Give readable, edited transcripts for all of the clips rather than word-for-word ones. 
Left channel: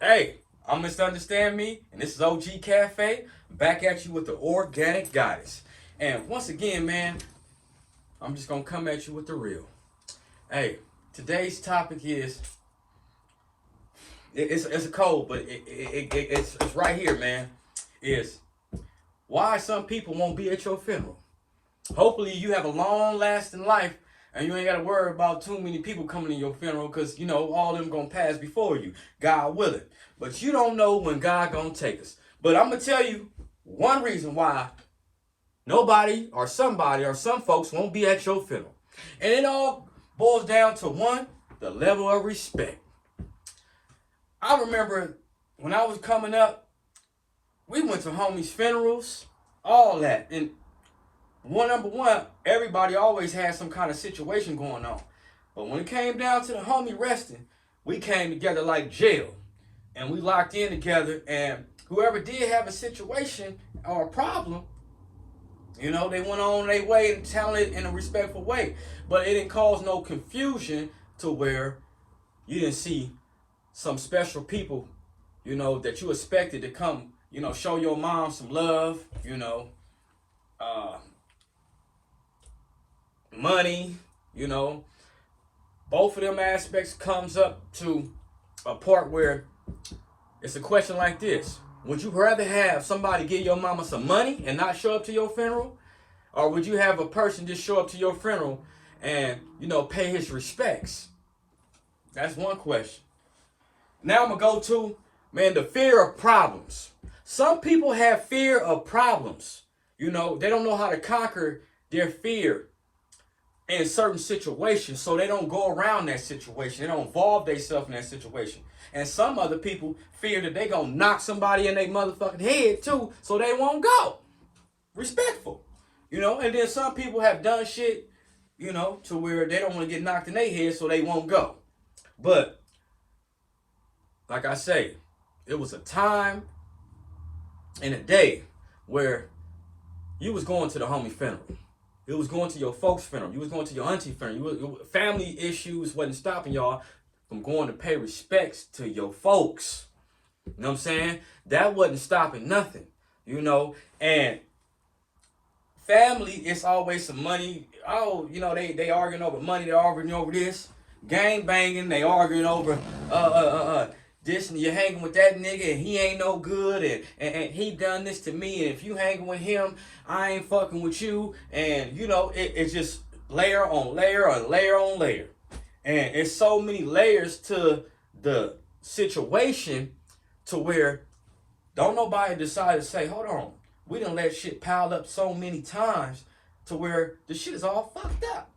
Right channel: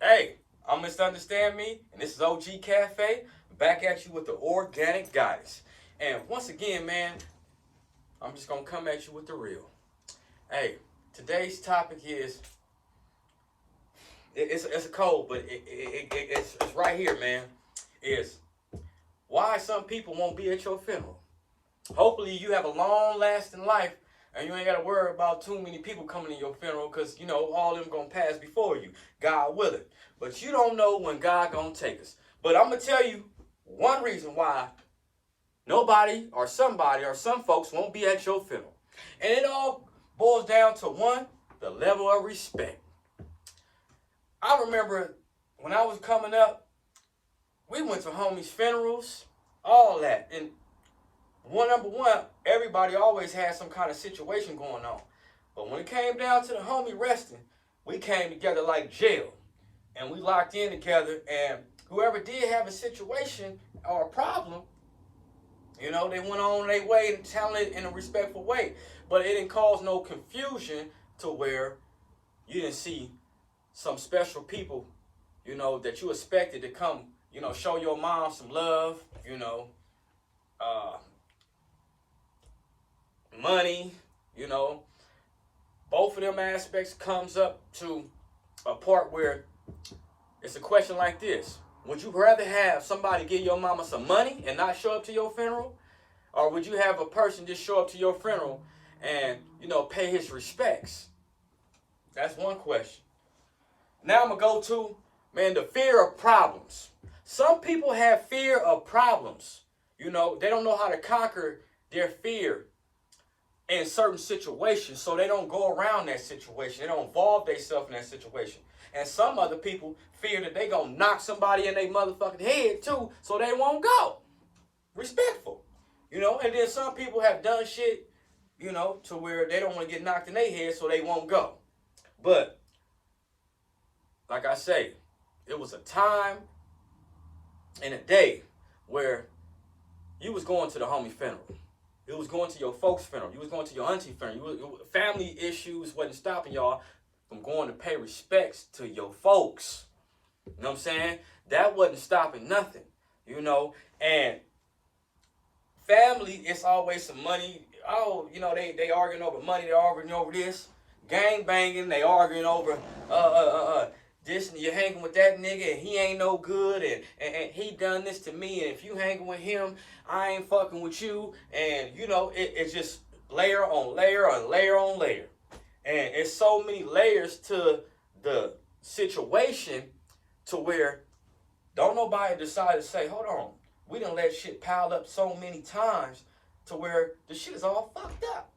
Hey, I'm Misunderstand Me, and this is OG Cafe, back at you with the organic goddess. And once again, man, I'm just gonna come at you with the real. Hey, today's topic is it's a cold, but it's right here, man. Is why some people won't be at your funeral. Hopefully, you have a long lasting life, and you ain't gotta worry about too many people coming to your funeral, because all of them gonna pass before you, God willing. But you don't know when God gonna take us. But I'm gonna tell you one reason why nobody or somebody or some folks won't be at your funeral, and it all boils down to one: the level of respect. I remember when I was coming up, we went to homies' funerals, all that, and number one, everybody always had some kind of situation going on. But when it came down to the homie resting, we came together like jail. And we locked in together. And whoever did have a situation or a problem, they went on their way and handled it in a respectful way. But it didn't cause no confusion to where you didn't see some special people, that you expected to come, show your mom some love, uh, money, you know, both of them aspects comes up to a part where it's a question like this. Would you rather have somebody give your mama some money and not show up to your funeral? Or would you have a person just show up to your funeral and, pay his respects? That's one question. Now I'm going to go to, man, the fear of problems. Some people have fear of problems. They don't know how to conquer their fear in certain situations, so they don't go around that situation. They don't involve themselves in that situation. And some other people fear that they gonna knock somebody in their motherfucking head too, so they won't go. Respectful. And then some people have done shit, to where they don't want to get knocked in their head, so they won't go. But, like I say, it was a time and a day where you was going to the homie funeral. You was going to your folks' funeral. You was going to your auntie funeral. Family issues wasn't stopping y'all from going to pay respects to your folks. You know what I'm saying? That wasn't stopping nothing. And family, it's always some money. Oh, they arguing over money. They arguing over this. Gang banging. They arguing over this, and you're hanging with that nigga and he ain't no good, and he done this to me, and if you hanging with him, I ain't fucking with you. And it's just layer on layer on layer on layer. And it's so many layers to the situation to where don't nobody decide to say, hold on, we done let shit pile up so many times to where the shit is all fucked up.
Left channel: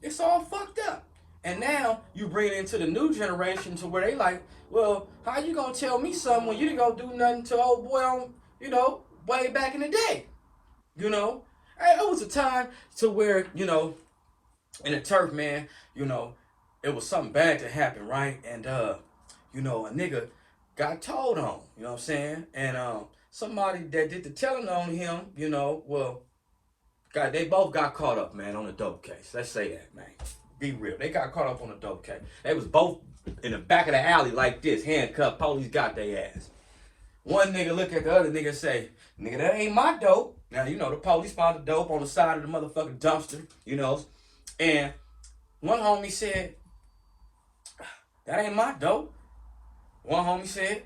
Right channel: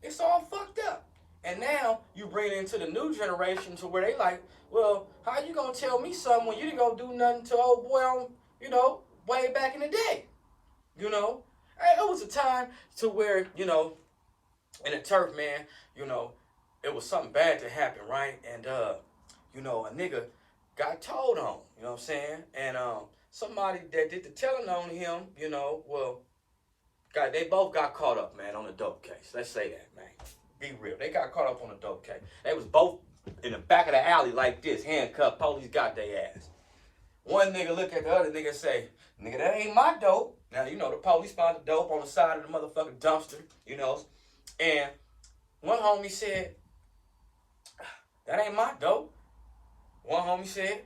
It's all fucked up. And now you bring it into the new generation to where they like, well, how you gonna tell me something when you didn't gonna do nothing to old boy on, way back in the day? It was a time to where, in the turf, man, it was something bad to happen, right? And a nigga got told on, you know what I'm saying? And somebody that did the telling on him, they both got caught up, man, on the dope case. Let's say that, man. Be real. They got caught up on a dope case. They was both in the back of the alley like this, handcuffed. Police got their ass. One nigga look at the other nigga and say, nigga, that ain't my dope. Now, the police found the dope on the side of the motherfucking dumpster, And one homie said, that ain't my dope. One homie said,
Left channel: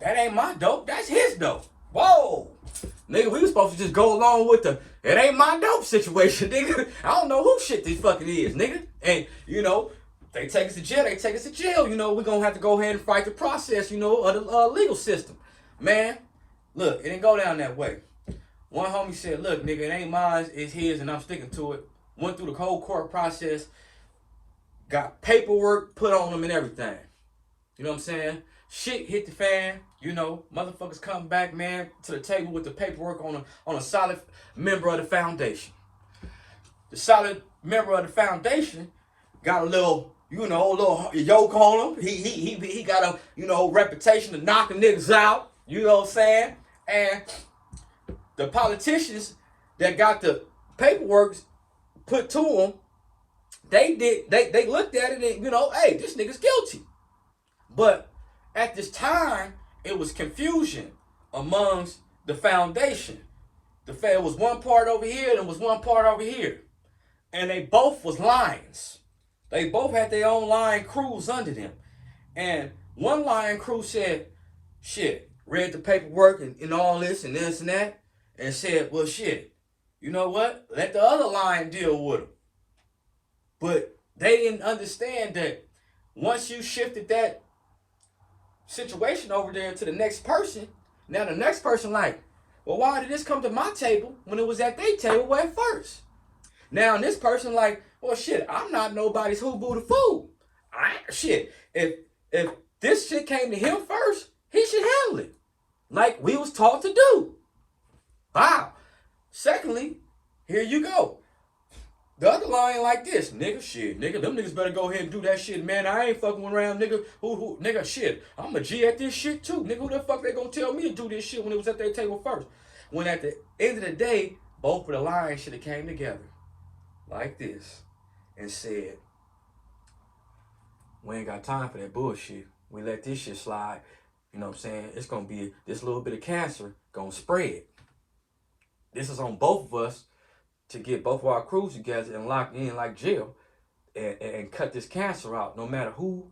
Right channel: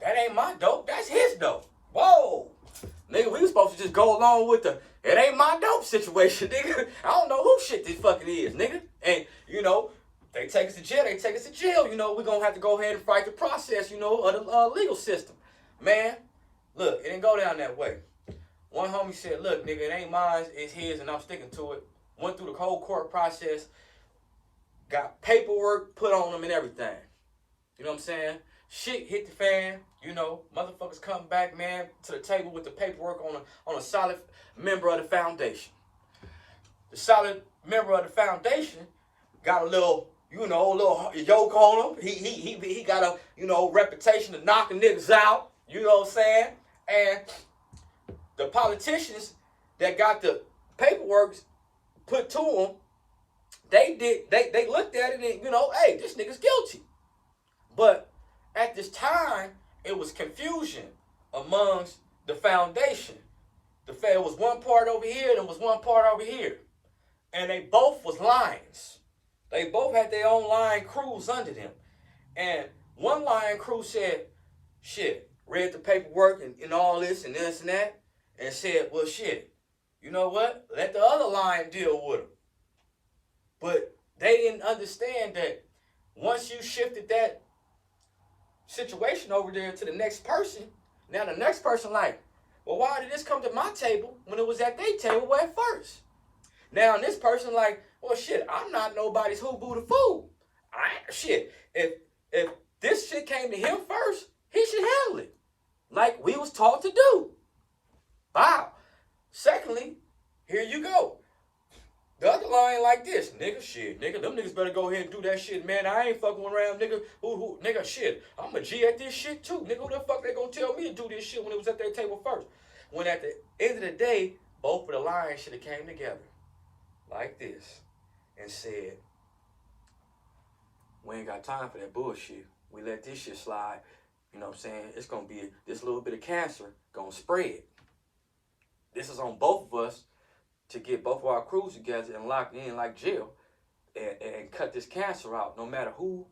that ain't my dope. That's his dope. Whoa. Nigga, we was supposed to just go along with the it ain't my dope situation, nigga. I don't know who shit this fucking is, nigga. And, they take us to jail, they take us to jail. We're going to have to go ahead and fight the process, of the legal system. Man, look, it didn't go down that way. One homie said, look, nigga, it ain't mine, it's his, and I'm sticking to it. Went through the whole court process, got paperwork put on them and everything. You know what I'm saying? Shit hit the fan. Motherfuckers come back, man, to the table with the paperwork on a solid member of the foundation. The solid member of the foundation got a little yoke on him. He got a reputation of knocking niggas out. You know what I'm saying? And the politicians that got the paperwork put to them, they looked at it and hey, this nigga's guilty. But at this time, it was confusion amongst the foundation. It was one part over here and it was one part over here. And they both was lions. They both had their own lion crews under them. And one lion crew said, shit, read the paperwork and all this and this and that, and said, well, shit, you know what? Let the other lion deal with them. But they didn't understand that once you shifted that situation over there to the next person, now the next person like, well, why did this come to my table when it was at their table at first? Now this person like, well, shit, I'm not nobody's who boo the fool. Shit, if this shit came to him first, he should handle it like we was taught to do. Wow. Secondly, here you go. The other line like this, nigga, shit, nigga, them niggas better go ahead and do that shit, man. I ain't fucking around, nigga. Nigga, shit, I'm a G at this shit too, nigga. Who the fuck they gonna tell me to do this shit when it was at their table first? When at the end of the day, both of the lines should have came together like this and said, we ain't got time for that bullshit. We let this shit slide. You know what I'm saying? It's gonna be this little bit of cancer gonna spread. This is on both of us to get both of our crews together and lock in like jail and cut this cancer out, no matter who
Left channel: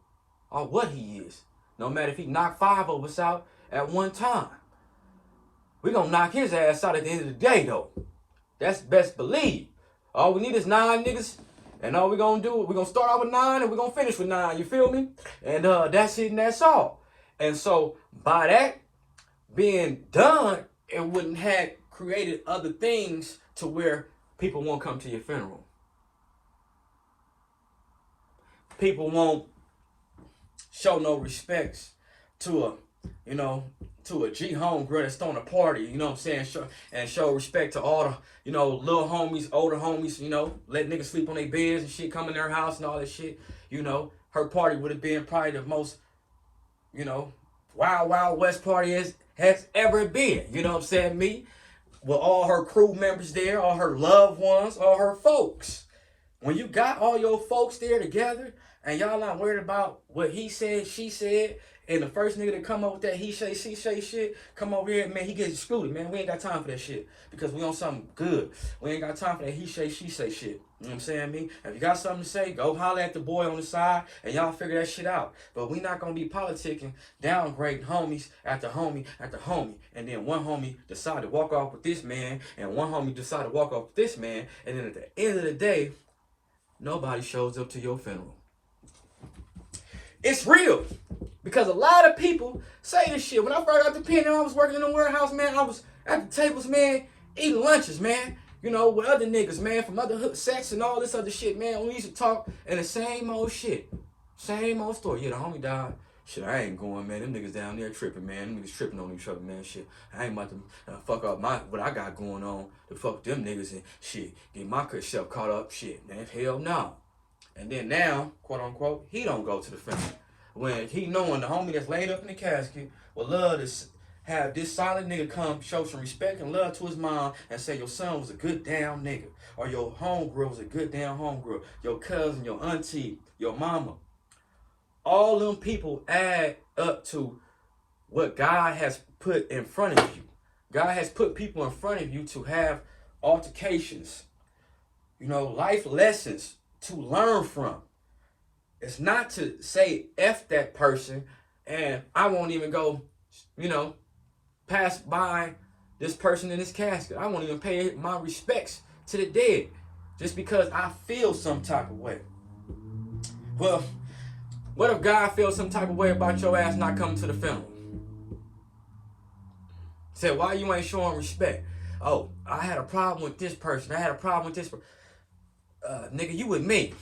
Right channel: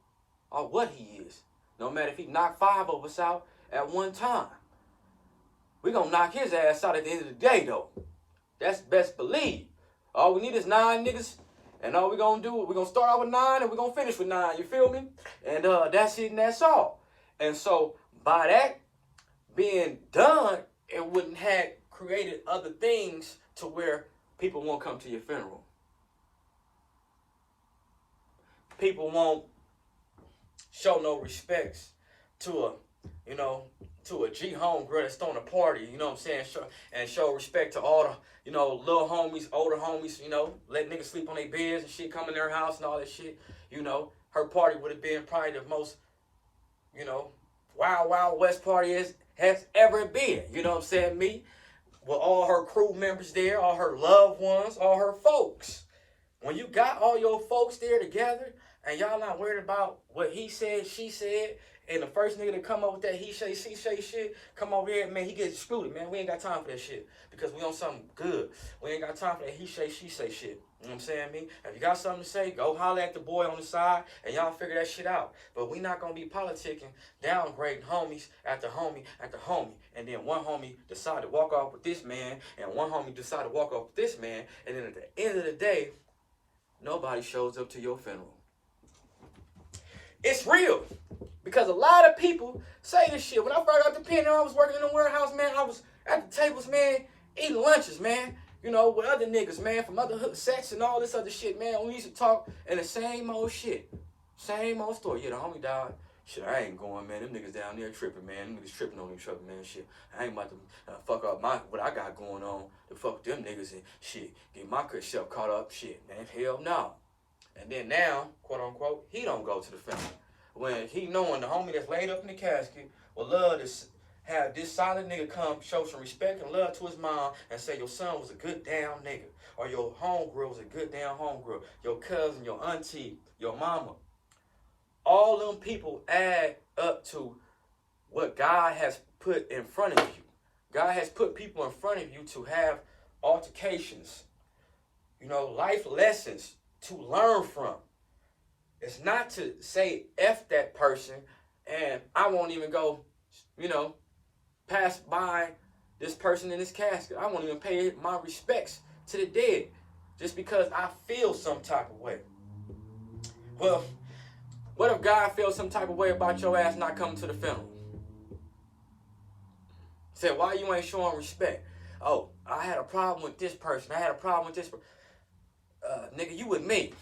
or what he is. No matter if he knocked 5 of us out at one time. We're going to knock his ass out at the end of the day, though. That's best believe. All we need is 9 niggas, and all we're going to do, we're going to start off with 9, and we're going to finish with 9, you feel me? And that's it, and that's all. And so, by that being done, it wouldn't have created other things to where people won't come to your funeral. People won't show no respects to a G homegirl that's throwing a party, you know what I'm saying? Show respect to all the, little homies, older homies, let niggas sleep on their beds and shit, come in their house and all that shit. Her party would have been probably the most, wild, wild west party has ever been. You know what I'm saying? Me, with all her crew members there, all her loved ones, all her folks. When you got all your folks there together and y'all not worried about what he said, she said, and the first nigga to come up with that he say, she say shit, come over here, man, he gets excluded, man. We ain't got time for that shit because we on something good. We ain't got time for that he say, she say shit. You know what I'm saying, me? If you got something to say, go holler at the boy on the side and y'all figure that shit out. But we not going to be politicking, downgrading homies after homie after homie. And then one homie decide to walk off with this man and one homie decide to walk off with this man. And then at the end of the day, nobody shows up to your funeral. It's real. Because a lot of people say this shit. When I first got the pen and I was working in the warehouse, man, I was at the tables, man, eating lunches, man. With other niggas, man, from other sets and all this other shit, man. We used to talk and the same old shit. Same old story. Yeah, the homie died. Shit, I ain't going, man. Them niggas down there tripping, man. Them niggas tripping on each other, man. Shit, I ain't about to fuck up what I got going on to fuck them niggas and shit. Get my self caught up, shit, man. Hell no. And then now, quote unquote, he don't go to the funeral. When he knowing the homie that's laid up in the casket would love to have this solid nigga come show some respect and love to his mom and say your son was a good damn nigga. Or your homegirl was a good damn homegirl. Your cousin, your auntie, your mama. All them people add up to what God has put in front of you. God has put people in front of you to have altercations. Life lessons to learn from. It's not to say F that person and I won't even go, pass by this person in this casket. I won't even pay my respects to the dead just because I feel some type of way. Well, what if God feels some type of way about your ass not coming to the funeral? Said, why you ain't showing respect? Oh, I had a problem with this person. I had a problem with this person. Nigga, you with me.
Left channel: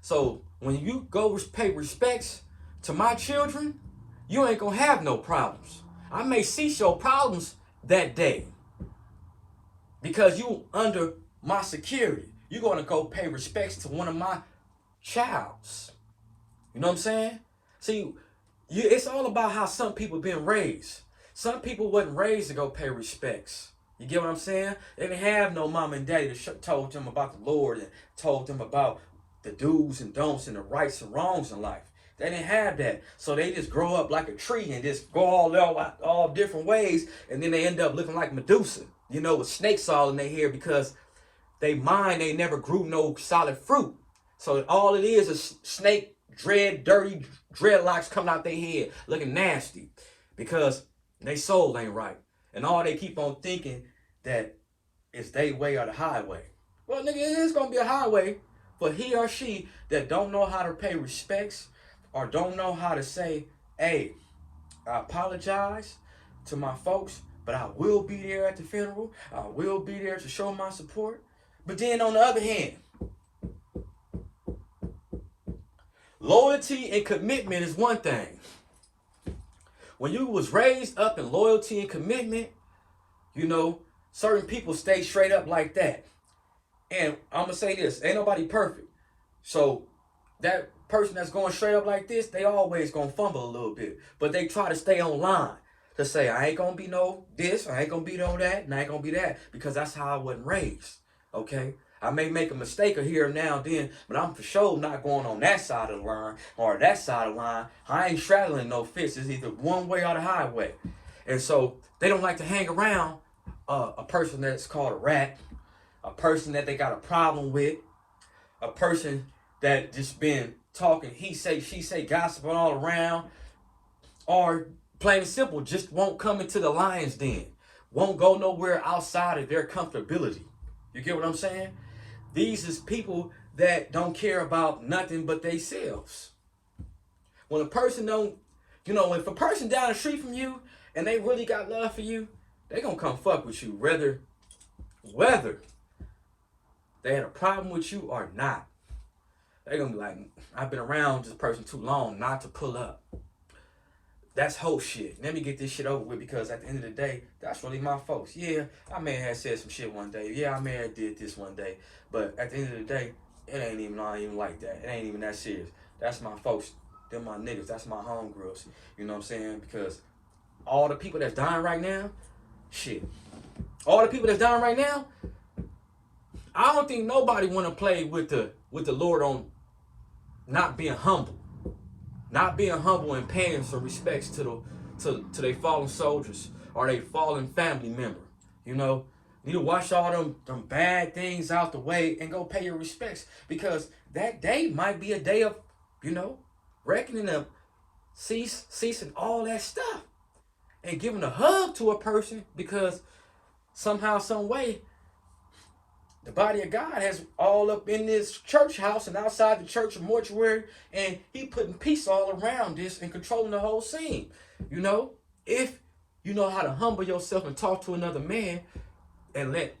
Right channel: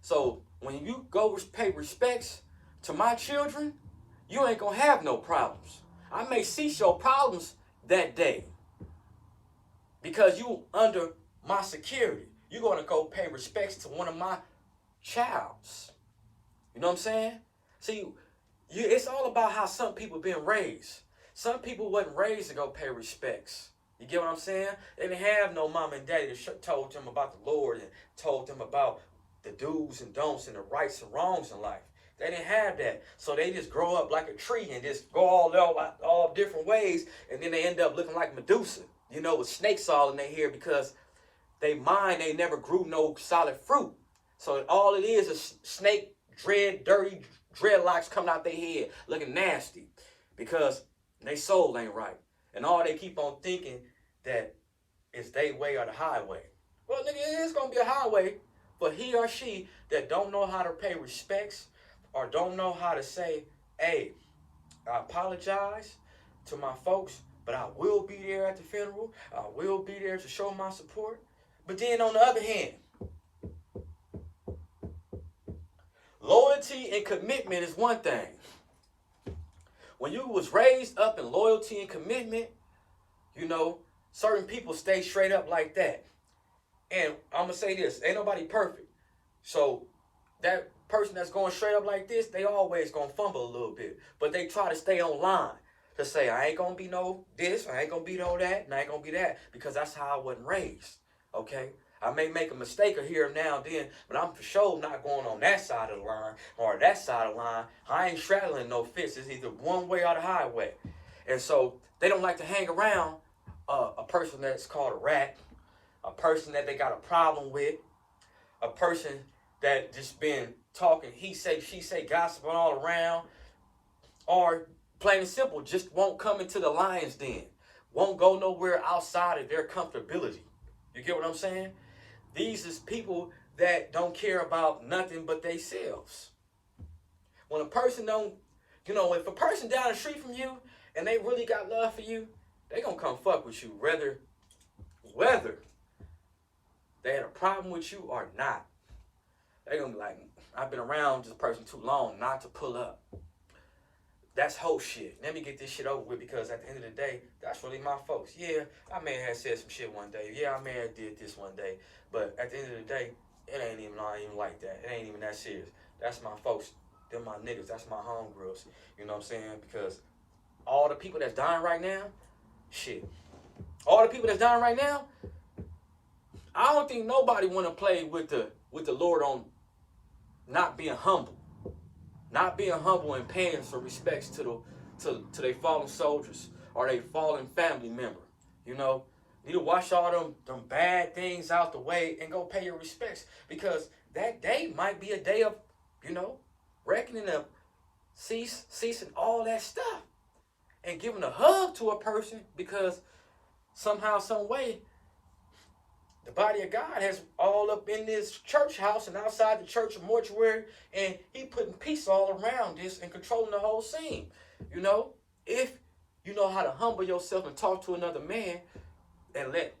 So when you go pay respects to my children, you ain't gonna have no problems. I may cease your problems that day because you under my security. You're gonna go pay respects to one of my childs. You know what I'm saying? See, it's all about how some people been raised. Some people wasn't raised to go pay respects. You get what I'm saying? They didn't have no mom and daddy that told them about the Lord and told them about the do's and don'ts and the rights and wrongs in life. They didn't have that. So they just grow up like a tree and just go all different ways. And then they end up looking like Medusa, you know, with snakes all in their hair because they never grew no solid fruit. So all it is snake dirty dreadlocks coming out their head looking nasty because they soul ain't right. And all they keep on thinking that it's they way or the highway. Well, nigga, it is gonna be a highway for he or she that don't know how to pay respects or don't know how to say, hey, I apologize to my folks, but I will be there at the funeral. I will be there to show my support. But then on the other hand, loyalty and commitment is one thing. When you was raised up in loyalty and commitment, you know, certain people stay straight up like that. And I'm going to say this, ain't nobody perfect. So that person that's going straight up like this, they always going to fumble a little bit. But they try to stay on line to say, I ain't going to be no this, I ain't going to be no that, and I ain't going to be that. Because that's how I wasn't raised, okay? I may make a mistake here and now and then, but I'm for sure not going on that side of the line or that side of the line. I ain't straddling no fence. It's either one way or the highway. And so they don't like to hang around a person that's called a rat, a person that they got a problem with, a person that just been talking he say, she say, gossiping all around, or plain and simple, just won't come into the lion's den, won't go nowhere outside of their comfortability. You get what I'm saying? These is people that don't care about nothing but themselves. When a person don't, you know, if a person down the street from you and they really got love for you, they gonna come fuck with you, whether they had a problem with you or not. They gonna be like, I've been around this person too long not to pull up. That's whole shit. Let me get this shit over with because at the end of the day, that's really my folks. Yeah, I may have said some shit one day. Yeah, I may have did this one day. But at the end of the day, it ain't even like that. It ain't even that serious. That's my folks. They're my niggas. That's my homegirls. You know what I'm saying? Because all the people that's dying right now, shit. All the people that's dying right now, I don't think nobody want to play with the Lord on not being humble. Not being humble and paying some respects to their fallen soldiers or their fallen family member. You know, you need to wash all them bad things out the way and go pay your respects because that day might be a day of, you know, reckoning of ceasing all that stuff and giving a hug to a person because somehow, some way, the body of God has all up in this church house and outside the church a mortuary, and he putting peace all around this and controlling the whole scene. You know, if you know how to humble yourself and talk to another man and let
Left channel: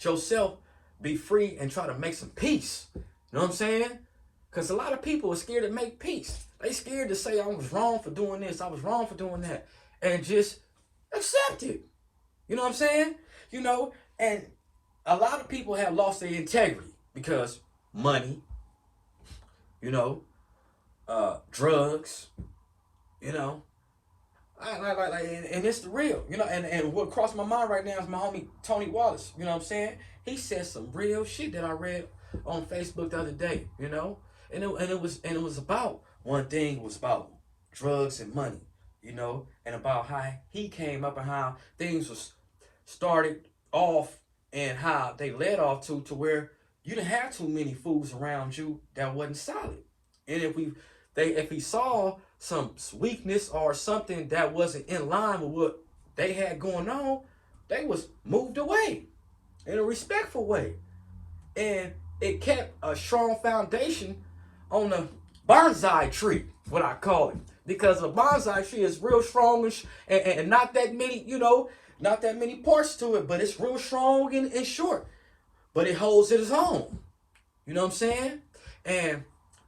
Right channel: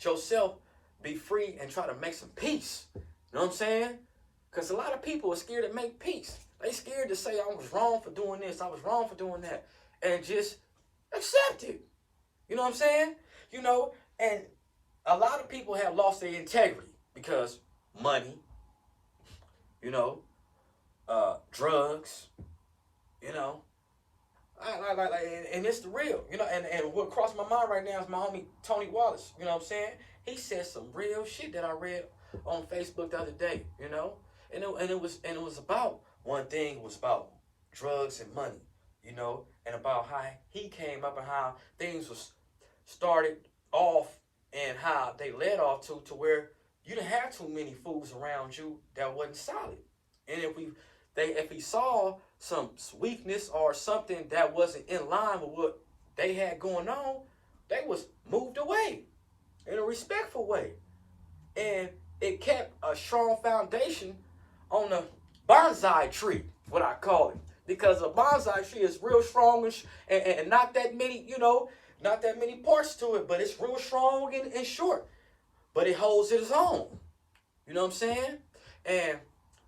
yourself be free and try to make some peace. You know what I'm saying? Because a lot of people are scared to make peace. They scared to say, I was wrong for doing this, I was wrong for doing that, and just accept it. You know what I'm saying? You know, and a lot of people have lost their integrity because money, you know, drugs, you know, and it's the real, you know, and what crossed my mind right now is my homie Tony Wallace, you know what I'm saying? He said some real shit that I read on Facebook the other day, you know, and it was about one thing was about drugs and money, you know, and about how he came up and how things was started off and how they led off to where you didn't have too many fools around you that wasn't solid. And if he saw some weakness or something that wasn't in line with what they had going on, they was moved away in a respectful way. And it kept a strong foundation on the bonsai tree, what I call it. Because a bonsai tree is real strong and not that many, you know, not that many parts to it, but it's real strong and short. But it holds its own. You know what I'm saying? And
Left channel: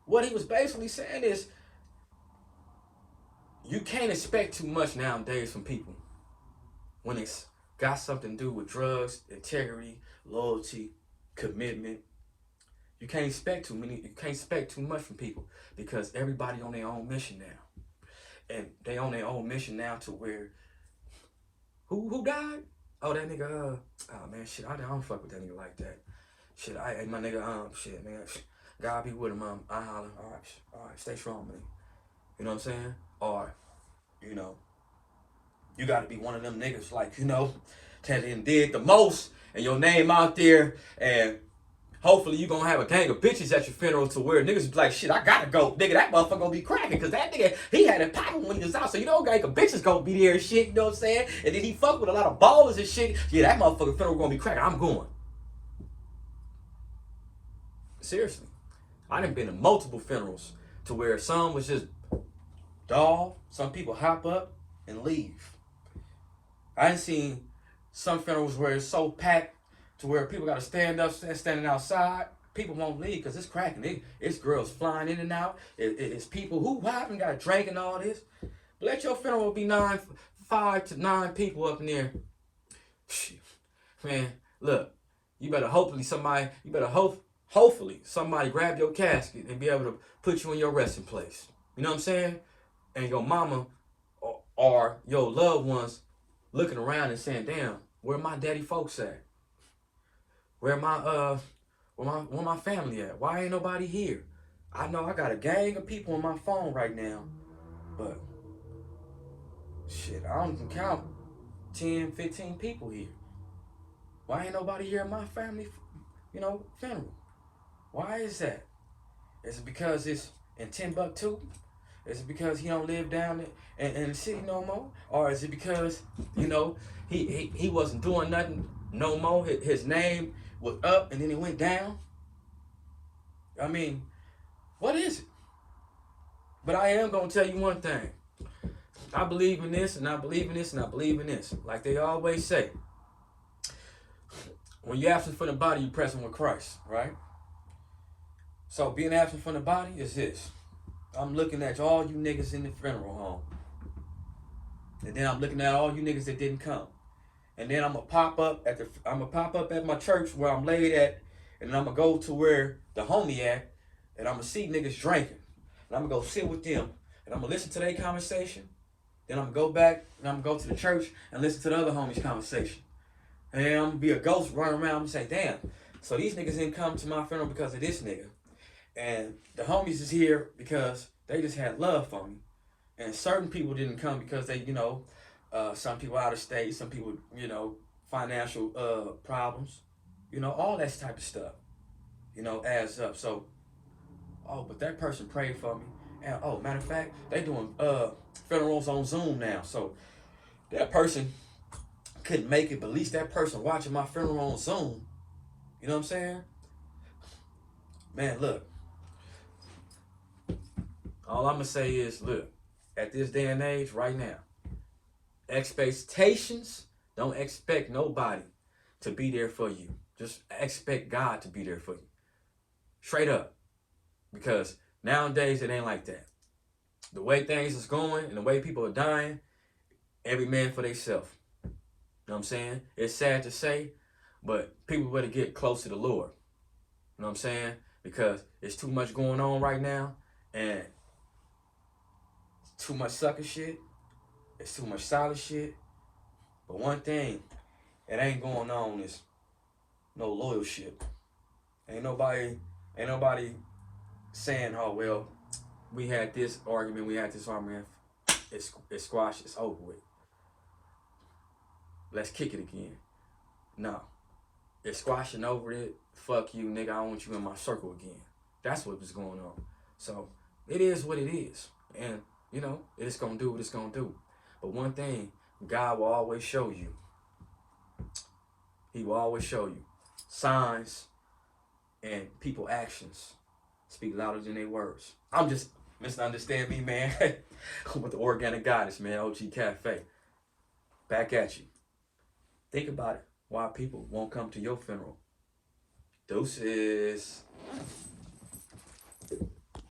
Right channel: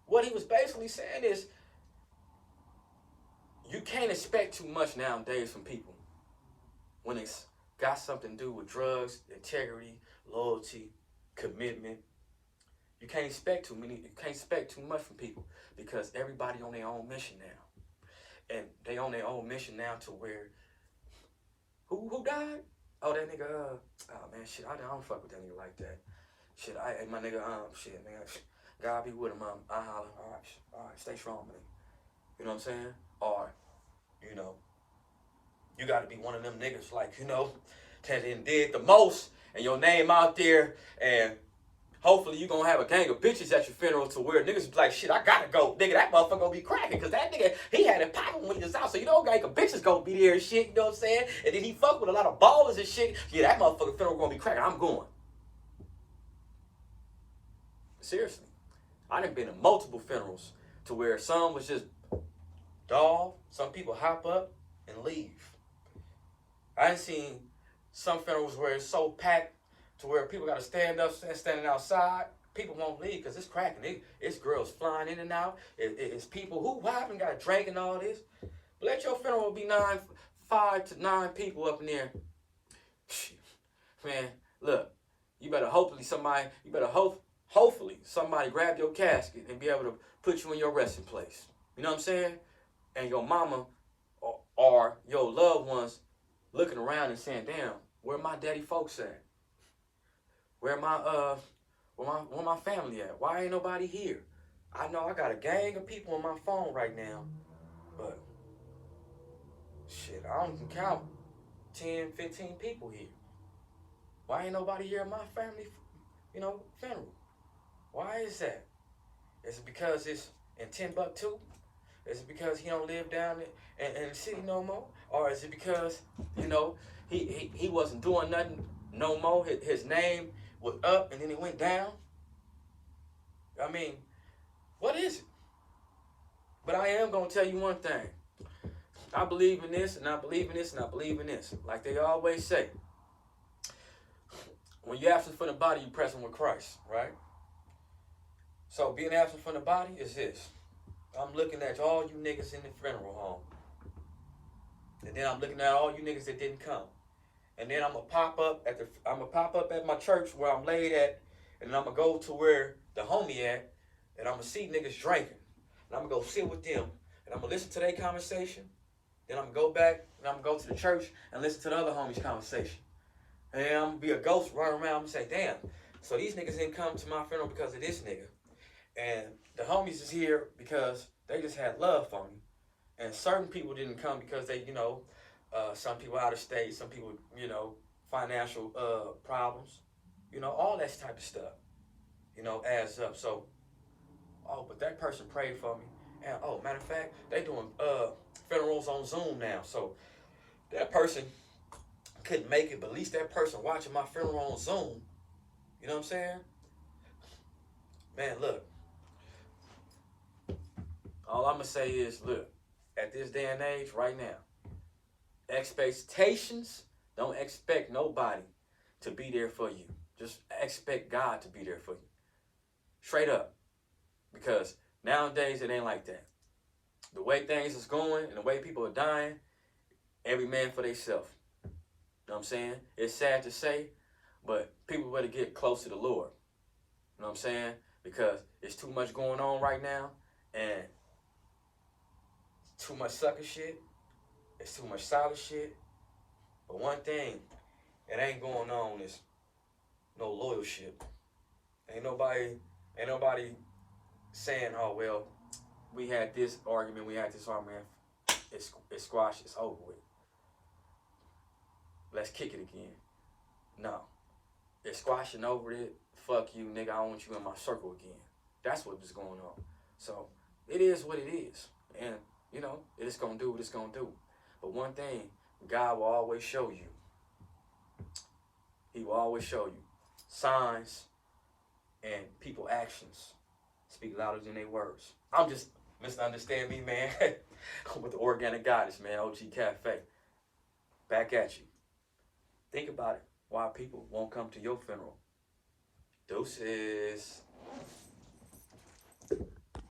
what he was basically saying is, you can't expect too much nowadays from people when it's got something to do with drugs, integrity, loyalty, commitment. You can't expect too much from people because everybody on their own mission now. And they on their own mission now to where who died? Oh, that nigga, oh man, shit, I don't fuck with that nigga like that. Shit, my nigga, shit, nigga, God be with him, mom. I holler, all right, stay strong, man. You know what I'm saying? Or, you know, you got to be one of them niggas, like, you know, that did the most, and your name out there, and hopefully you gonna have a gang of bitches at your funeral to where niggas be like, shit, I gotta go. Nigga, that motherfucker gonna be cracking, because that nigga, he had it popping when he was out. So you know, gang of bitches gonna be there and shit, you know what I'm saying? And then he fuck with a lot of ballers and shit. Yeah, that motherfucker funeral gonna be cracking. I'm going. Seriously. I done been to multiple funerals to where some was just dull. Some people hop up and leave. I done seen some funerals where it's so packed to where people got to stand up, standing outside. People won't leave because it's cracking. It's girls flying in and out. It's people who haven't got a drink and all this. But let your funeral be 5 to 9 people up in there. Man, look, you better hopefully somebody grab your casket and be able to put you in your resting place. You know what I'm saying? And your mama or your loved ones looking around and saying, damn, where my daddy folks at? Where my family at? Why ain't nobody here? I know I got a gang of people on my phone right now, but shit, I don't even count 10, 15 people here. Why ain't nobody here at my family, funeral? Why is that? Is it because it's in Timbuktu? Is it because he don't live down in the city no more? Or is it because, he wasn't doing nothing no more? His name was up and then it went down? I mean, what is it? But I am going to tell you one thing. I believe in this, and I believe in this, and I believe in this. Like they always say, when you're absent from the body, you're present with Christ, right? So being absent from the body is this. I'm looking at all you niggas in the funeral home. And then I'm looking at all you niggas that didn't come. And then I'm gonna pop up at my church where I'm laid at, and I'm gonna go to where the homie at, and I'm gonna see niggas drinking. And I'm gonna go sit with them, and I'm gonna listen to their conversation. Then I'm gonna go back and I'm gonna go to the church and listen to the other homies' conversation. And then I'm gonna be a ghost running around and say, damn, so these niggas didn't come to my funeral because of this nigga. And the homies is here because they just had love for me. And certain people didn't come because they, some people out of state, some people, financial problems, all that type of stuff, adds up. So, but that person prayed for me. And, matter of fact, they doing funerals on Zoom now. So that person couldn't make it, but at least that person watching my funeral on Zoom, you know what I'm saying? Man, look. All I'm going to say is, look, at this day and age, right now, expectations, don't expect nobody to be there for you. Just expect God to be there for you. Straight up. Because nowadays, it ain't like that. The way things is going and the way people are dying, every man for themselves. You know what I'm saying? It's sad to say, but people better get close to the Lord. You know what I'm saying? Because there's too much going on right now, and too much sucker shit. It's too much solid shit. But one thing that ain't going on is no loyalship. Ain't nobody saying, oh, well, we had this argument, it's squashed, it's over with. Let's kick it again. No. It's squashing over it. Fuck you, nigga. I don't want you in my circle again. That's what was going on. So, it is what it is. And, it's going to do what it's going to do. But one thing, God will always show you. He will always show you. Signs and people actions speak louder than their words. I'm just, misunderstand me, man. With the Organic Goddess, man. OG Cafe. Back at you. Think about it. Why people won't come to your funeral. Deuces.